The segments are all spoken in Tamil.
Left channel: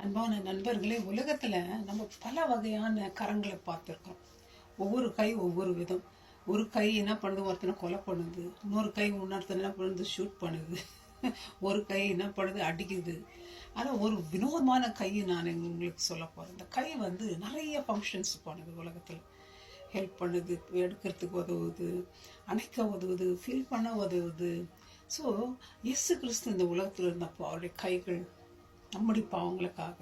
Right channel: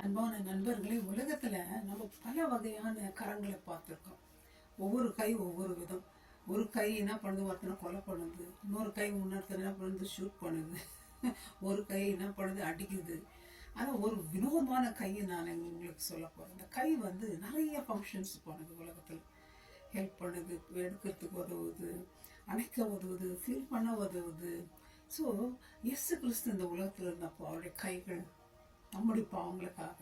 அன்பான நண்பர்களே, உலகத்தில் நம்ம பல வகையான கரங்களை பார்த்துருக்கோம். ஒவ்வொரு கை ஒவ்வொரு விதம். ஒரு கை என்ன பண்ணுது, ஒருத்தனை கொலை பண்ணுது. இன்னொரு கை இன்னொருத்தனை என்ன பண்ணுது, ஷூட் பண்ணுது. ஒரு கை என்ன பண்ணுது, அடிக்குது. ஆனால் ஒரு வினோதமான கை நான் உங்களுக்கு சொல்ல போகிறேன். இந்த கை வந்து நிறைய ஃபங்க்ஷன்ஸ் பண்ணுது உலகத்தில். ஹெல்ப் பண்ணுது, எடுக்கிறதுக்கு உதவுது, அணைக்க உதவுது, ஃபீல் பண்ண உதவுது. ஸோ இயேசு கிறிஸ்து இந்த உலகத்தில் இருந்தப்போ அவருடைய கைகள் நம்முடைய பாவங்களுக்காக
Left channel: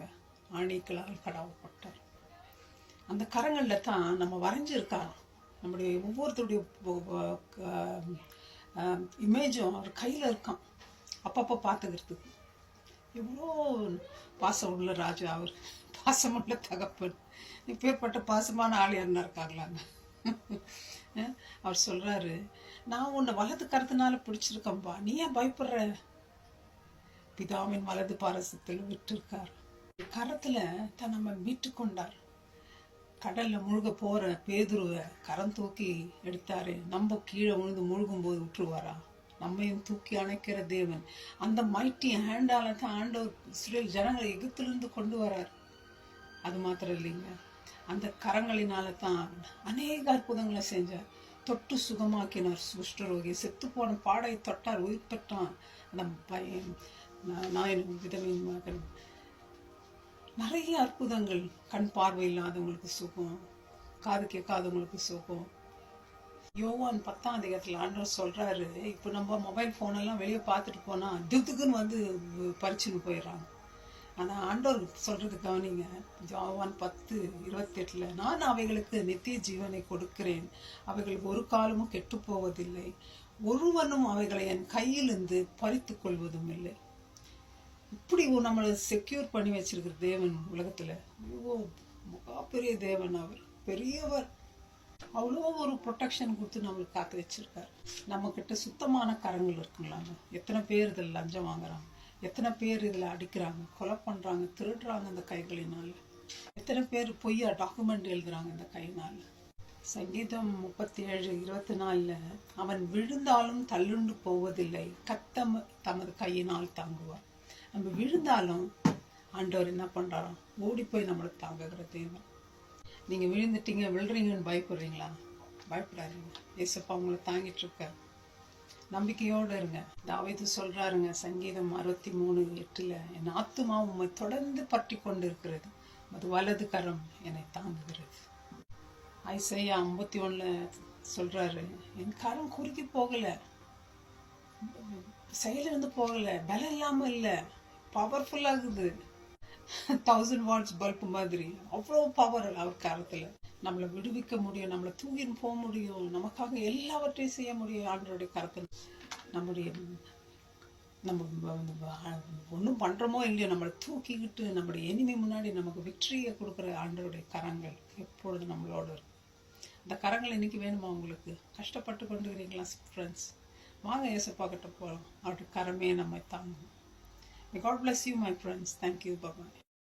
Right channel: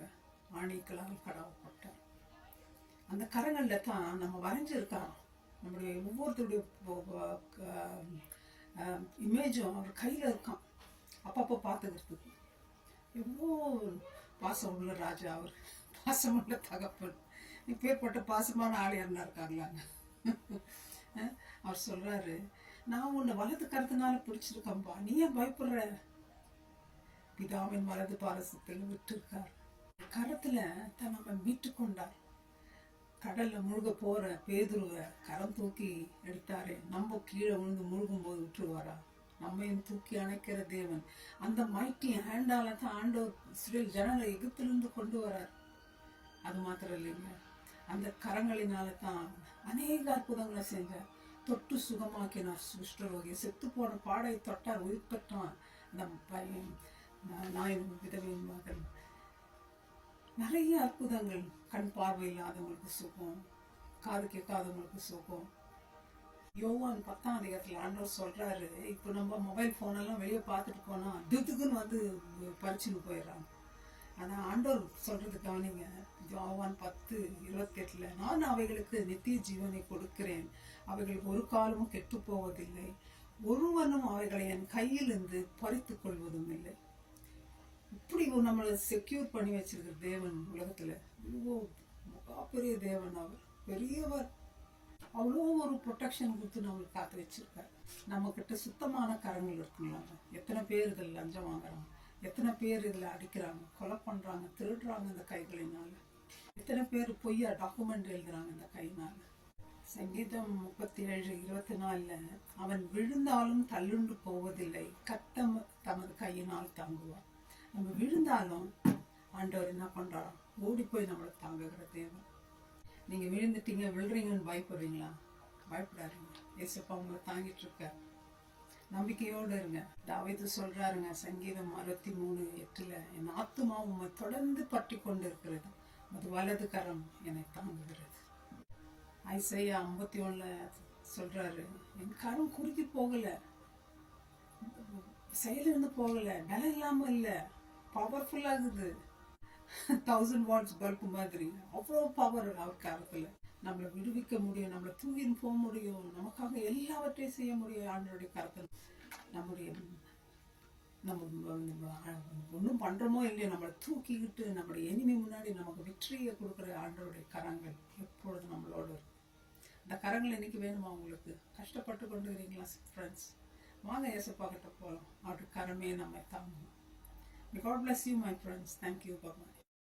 ஆணிகளால் கடாவப்பட்டார். அந்த கரங்களில் தான் நம்ம வரைஞ்சிருக்காரோம். நம்முடைய ஒவ்வொருத்தருடைய இமேஜும் அவர் கையில் இருக்கான், அப்பப்போ பார்த்துக்கிறதுக்கு. எவ்வளோ பாசம் உள்ள ராஜா அவர், பாசமுள்ள தகப்பன். இப்பேற்பட்ட பாசமான ஆள் என்ன இருக்காங்களாங்க? அவர் சொல்கிறாரு, நான் உன்னை வலது கருத்தினால பிடிச்சிருக்கேன்பா, நீ ஏன் பயப்படுற? பிதாவின் வலது பாரசத்தில் விட்டிருக்கார். கரத்தில் தான் நம்ம மீட்டு கொண்டார். கடலில் முழுக போகிற பேதுருவை கரம் தூக்கி எடுத்தாரு. நம்ம கீழே விழுந்து முழுகும் போது விட்டுருவாரா? நம்மையும் தூக்கி அணைக்கிற தேவன். அந்த மைட்டி ஹேண்டால தான் ஆண்டவர் இஸ்ரேல் ஜனங்களை எகிப்திலிருந்து கொண்டு வரார். அது மாத்திரம் இல்லைங்க, அந்த கரங்களினால தான் அநேக அற்புதங்களை செஞ்சார். தொட்டு சுகமாக்கினார் குஷ்டரோகி. செத்து போன பாடை தொட்டார், உயிர் பெற்றான். அந்த நாயனும் விதவையின் மகன். நிறைய அற்புதங்கள். கண் பார்வை இல்லாதவங்களுக்கு சுகம், காது கேட்காதவங்களுக்கு சுகம். யோவான் 10ஆம் அதிகாரத்தில் ஆண்டவர் சொல்கிறாரு, இப்போ நம்ம மொபைல் ஃபோனெல்லாம் வெளியே பார்த்துட்டு போனால் திக்குன்னு வந்து பறிச்சுன்னு போயிடுறாங்க. ஆனால் ஆண்டவர் சொல்கிறது கவனிங்க. யோவான் 10:28, நான் அவைகளுக்கு நித்திய ஜீவனை கொடுக்கிறேன், அவைகள் ஒரு காலமும் கெட்டு போவதில்லை, ஒருவனும் அவைகளை என் கையிலிருந்து பறித்து கொள்வதும் இல்லை. இப்படி நம்மளை செக்யூர் பண்ணி வச்சிருக்கிற தேவன் உலகத்தில் அவ்வளோ பெரிய தேவன். அவர் பெரியவர். அவ்வளோ ஒரு ப்ரொடெக்ஷன் கொடுத்து நம்மளுக்கு காத்து வச்சிருக்கார். நம்மக்கிட்ட சுத்தமான கரங்கள் இருக்குங்களாங்க. எத்தனை பேர் இதில் லஞ்சம் வாங்குறாங்க, எத்தனை பேர் இதில் அடிக்கிறாங்க, கொலை பண்ணுறாங்க, திருடுறாங்க இந்த கைகளினால். எத்தனை பேர் பொய்யா டாக்குமெண்ட் எழுதுறாங்க இந்த கையினால். சங்கீதம் 37:24, அவன் விழுந்தாலும் தள்ளுண்டு போவதில்லை, கத்தம் தமது கையினால் தாங்குவார். நம்ம விழுந்தாலும் ஆண்டவர் என்ன பண்ணுறாராம், ஓடி போய் நம்மளுக்கு தாங்குகிற தேவன். நீங்கள் விழுந்துட்டீங்க, விழுறீங்கன்னு பயப்படுறீங்களா? பயப்படாதீங்க, ஏசப்பா உங்களை தாங்கிட்டு இருக்க. நம்பிக்கையோடு இருங்க. தாவீது சொல்கிறாருங்க, சங்கீதம் 63:8, என் ஆத்துமா உம்மை தொடர்ந்து பற்றி கொண்டு இருக்கிறது, அது வலது கரம் என்னை தாங்குகிறது. ஐசையா 51 சொல்கிறாரு, என் கரம் குறுக்கி போகலை, செயலிருந்து போகலை, பலம் இல்லாமல் இல்லை, பவர்ஃபுல்லாகுது. 1000 வாட்ஸ் பல்ப் மாதிரி அவ்வளோ பவர் அவர் கரத்தில். நம்மளை விடுவிக்க முடியும், நம்மளை தூக்கின்னு போக முடியும், நமக்காக எல்லாவற்றையும் செய்ய முடியும் ஆண்டவருடைய கரத்தில். நம்ம ஒன்றும் பண்ணுறோமோ இல்லையோ, நம்மளை தூக்கிக்கிட்டு நம்மளுடைய எனிமி முன்னாடி நமக்கு விக்டரியை கொடுக்குற ஆண்டவருடைய கரங்கள் எப்பொழுதும் நம்மளோடு இருக்கும். அந்த கரங்கள் இன்னைக்கு வேணுமா உங்களுக்கு? கஷ்டப்பட்டு கொண்டுக்கிறீங்களா ஃப்ரெண்ட்ஸ்? வாங்க ஏசப்பா கிட்ட போகலாம். அவருடைய கரமே நம்மை தாங்கும். God bless you, my friends. Thank you. Bye-bye.